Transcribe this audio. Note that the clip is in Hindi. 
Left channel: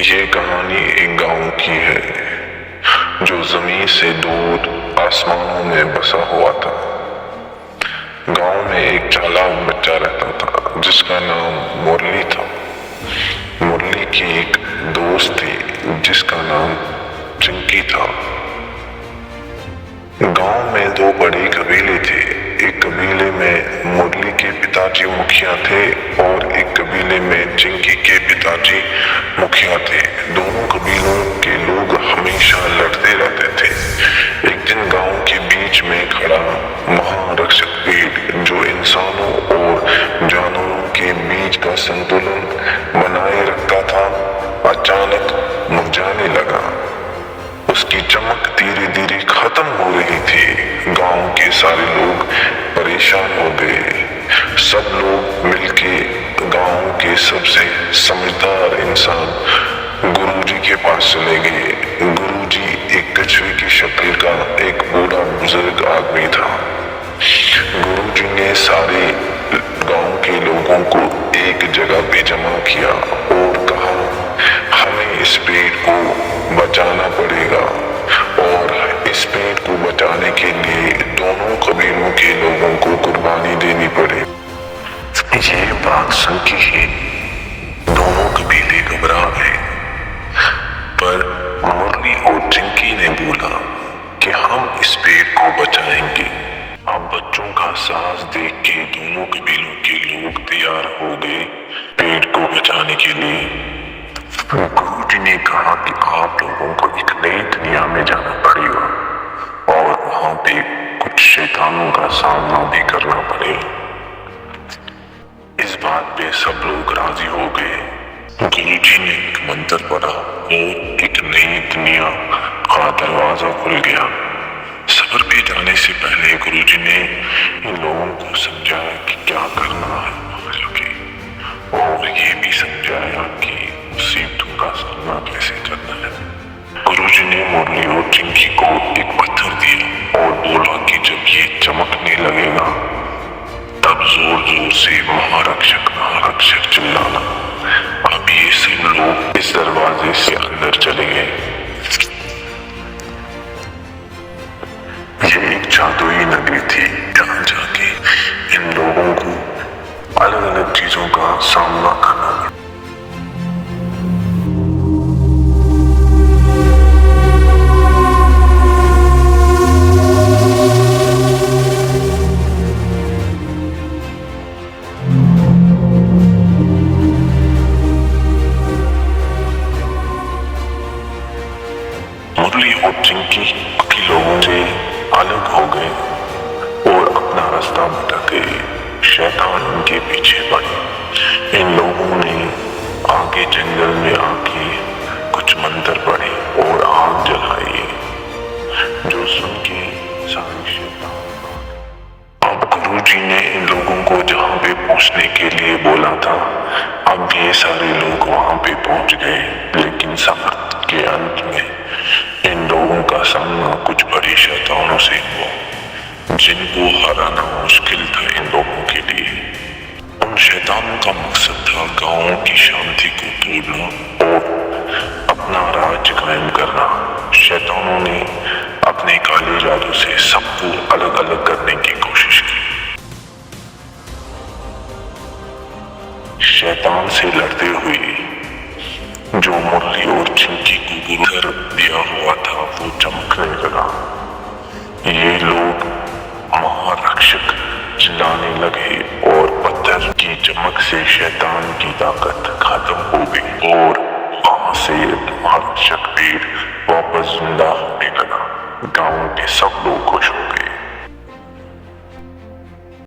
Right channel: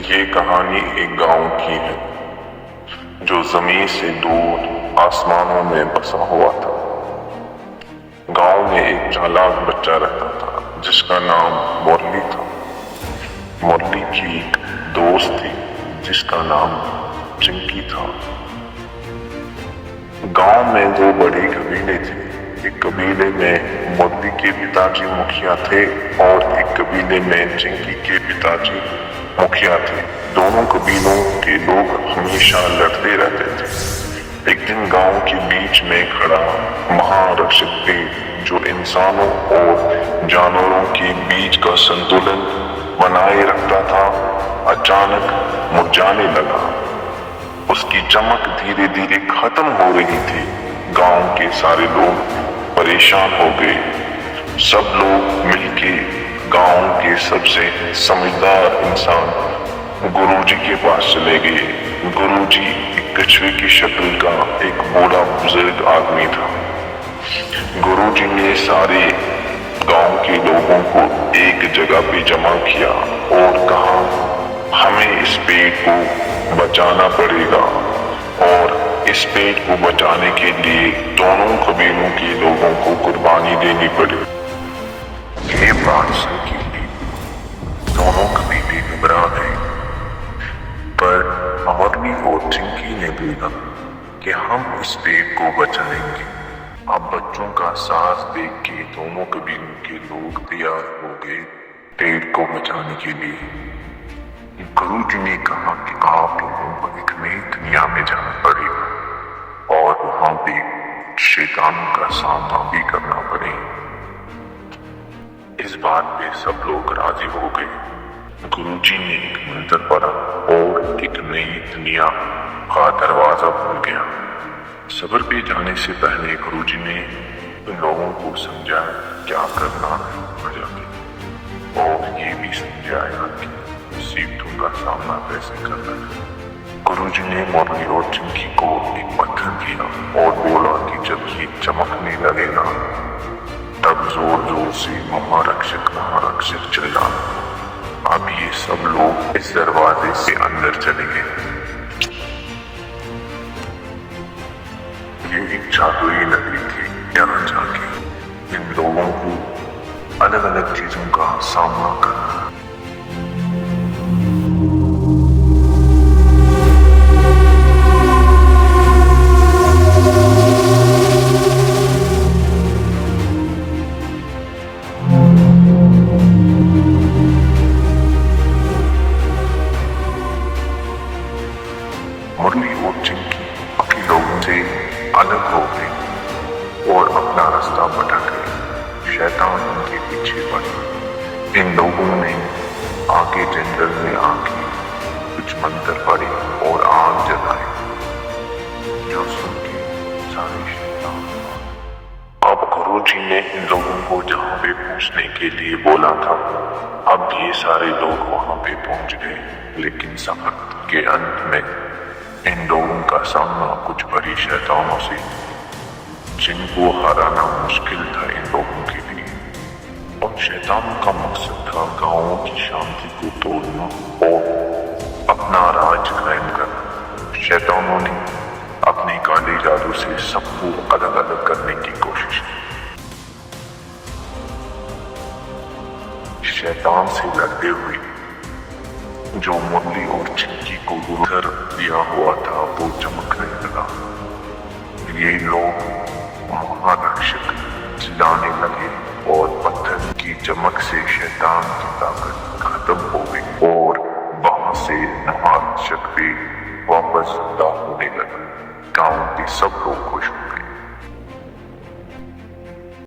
ये कहानी एक गांव की है जो जमीन से दूर आसमानों में बसा हुआ था। गांव में एक चालाक बच्चा रहता था जिसका नाम मुरली था। मुरली की एक दोस्त थी जिसका नाम चिंकी था। गांव में दो बड़े कबीले थे। एक कबीले में मुरली के पिताजी मुखिया थे और एक कबीले में चिंकी के पिताजी मुखिया थे। दोनों कबीलों के लोग हमेशा लड़ते रहते थे। एक दिन गांव के बीच में खड़ा महारक्षक पेड़ जो इंसानों और जानवरों के बीच का संतुलन बनाए रखता था, अचानक मुरझाने लगा। उसकी चमक धीरे धीरे खत्म हो रही थी। गांव के सारे लोग परेशान हो गए। सब लोग मिलके गांव के सबसे समझदार इंसान गुरुजी के पास चले गए। गुरुजी एक कछुए की शक्ल का एक बूढ़ा बुजुर्ग आदमी था। गुरुजी ने सारे गांव के लोगों को एक जगह पे जमा किया और कहा, हमें इस पेड़ को बचाना पड़ेगा और इस पेड़ को बचाने के लिए दोनों कबीलों के लोगों को कुर्बानी देनी पड़े। ये बात सुन के दोनों कबीले घबरा गए, पर मुरली और चिंकी ने बोला कि हम इस पेड़ को बचाएंगे। अब बच्चों का साहस देख के दोनों कबीलों के लोग तैयार हो गए पेड़ को बचाने के लिए। गुरुजी ने कहा कि आप लोगों को एक नई दुनिया में जाना पड़ेगा और वहां पे कुछ शैतानों का सामना भी करना पड़ेगा। इस बात पे सब लोग राजी हो गए। गुरुजी ने एक मंत्र पढ़ा और एक नई दुनिया का दरवाजा खुल गया। सफर पे जाने से पहले गुरुजी ने इन लोगों को समझाया कि क्या करना है वहां जाके, और ये भी समझाया कि मुसीबतों का सामना कैसे करना है। गुरुजी ने मुरली और चिंकी को एक पत्थर दिया और बोला कि जब ये चमकने लगेगा तब जोर जोर से महारक्षक महारक्षक चिल्लाना। अब ये सब लोग इस दरवाजे से अंदर चले गए। ये एक जादुई नगरी थी। यहाँ जाके इन लोगों को अलग अलग चीजों का सामना करना पड़ा। मुरली और चिंकी बाकी लोगों से अलग हो गए और अपना रास्ता भटक गए। शैतान उनके पीछे पड़े। इन लोगों ने आगे जंगल में आके कुछ मंत्र पढ़े और आग जलाई, जो सुन के अब गुरुजी ने इन लोगों को जहाँ पे पहुँचने के लिए बोला था, अब ये सारे लोग वहाँ पे पहुँच गए। लेकिन सफर के अंत में इन लोगों का सामना कुछ बड़ी शैतानों से हुआ जिनको हराना मुश्किल था इन लोगों के लिए। उन शैतानों का मकसद था गांव की शांति को तोड़ना और अपना राज्य कायम करना। शैतानों ने अपने काले जादू से सबको अलग अलग करने की कोशिश की। शैतान से लड़ते हुए जो मुरली और चिंकी को गुरुधर दिया हुआ था वो चमकने लगा। ये लोग महारक्षक चिल्लाने लगे और पत्थर की चमक से शैतान की ताकत खत्म हो गई और वहां से महारक्षक पेड़ वापस जिंदा होने लगा। गांव के सब लोग खुश हो गए।